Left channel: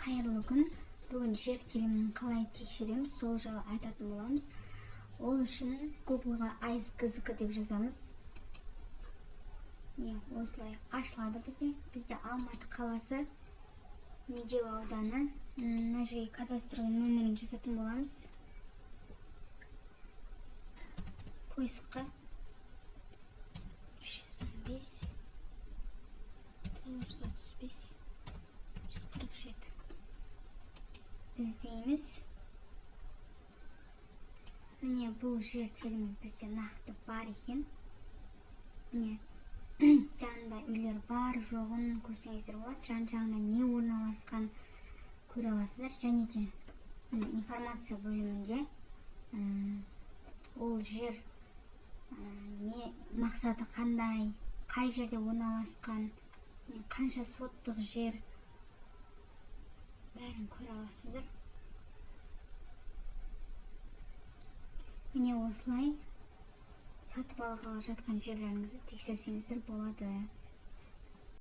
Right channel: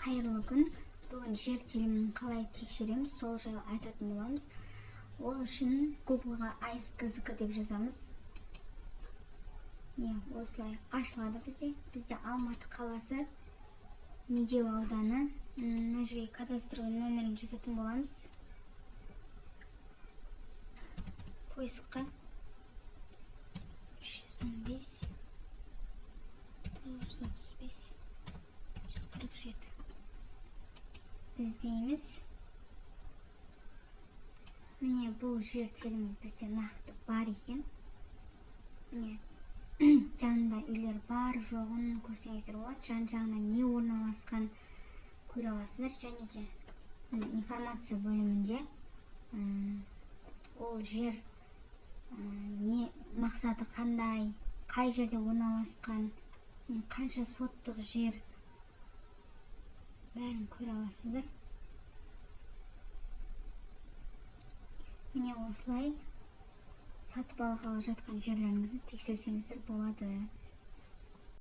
Кайырлуу күн. Бүгүн жер телимин калай текшеремиз, сол жайлы айтатын боламыз. Ол үчүн Google'га ice деп жазамыз. Осылай ачылады бизде. Бизде Алматы каласы, Медеу ауданы. Мына жерге кадастровый номерин жазатын боламыз. Поискка 315 935 147 издеймиз. Міне бұл жер телими бізде нақты бар екен. Міне жанында үйлер бар жоғын көрсеңіздер болады. Жан-жағында не орналасқан көре аласыздар. Және де информация бөлімінде ол жер не мақсаты қандай, қай жерде орналасқан, қанша соттық жер бәрін көре аласыздар. Міне осылай сатып алғалы жатқан жерлеріңізді тексерсеңіздер болады.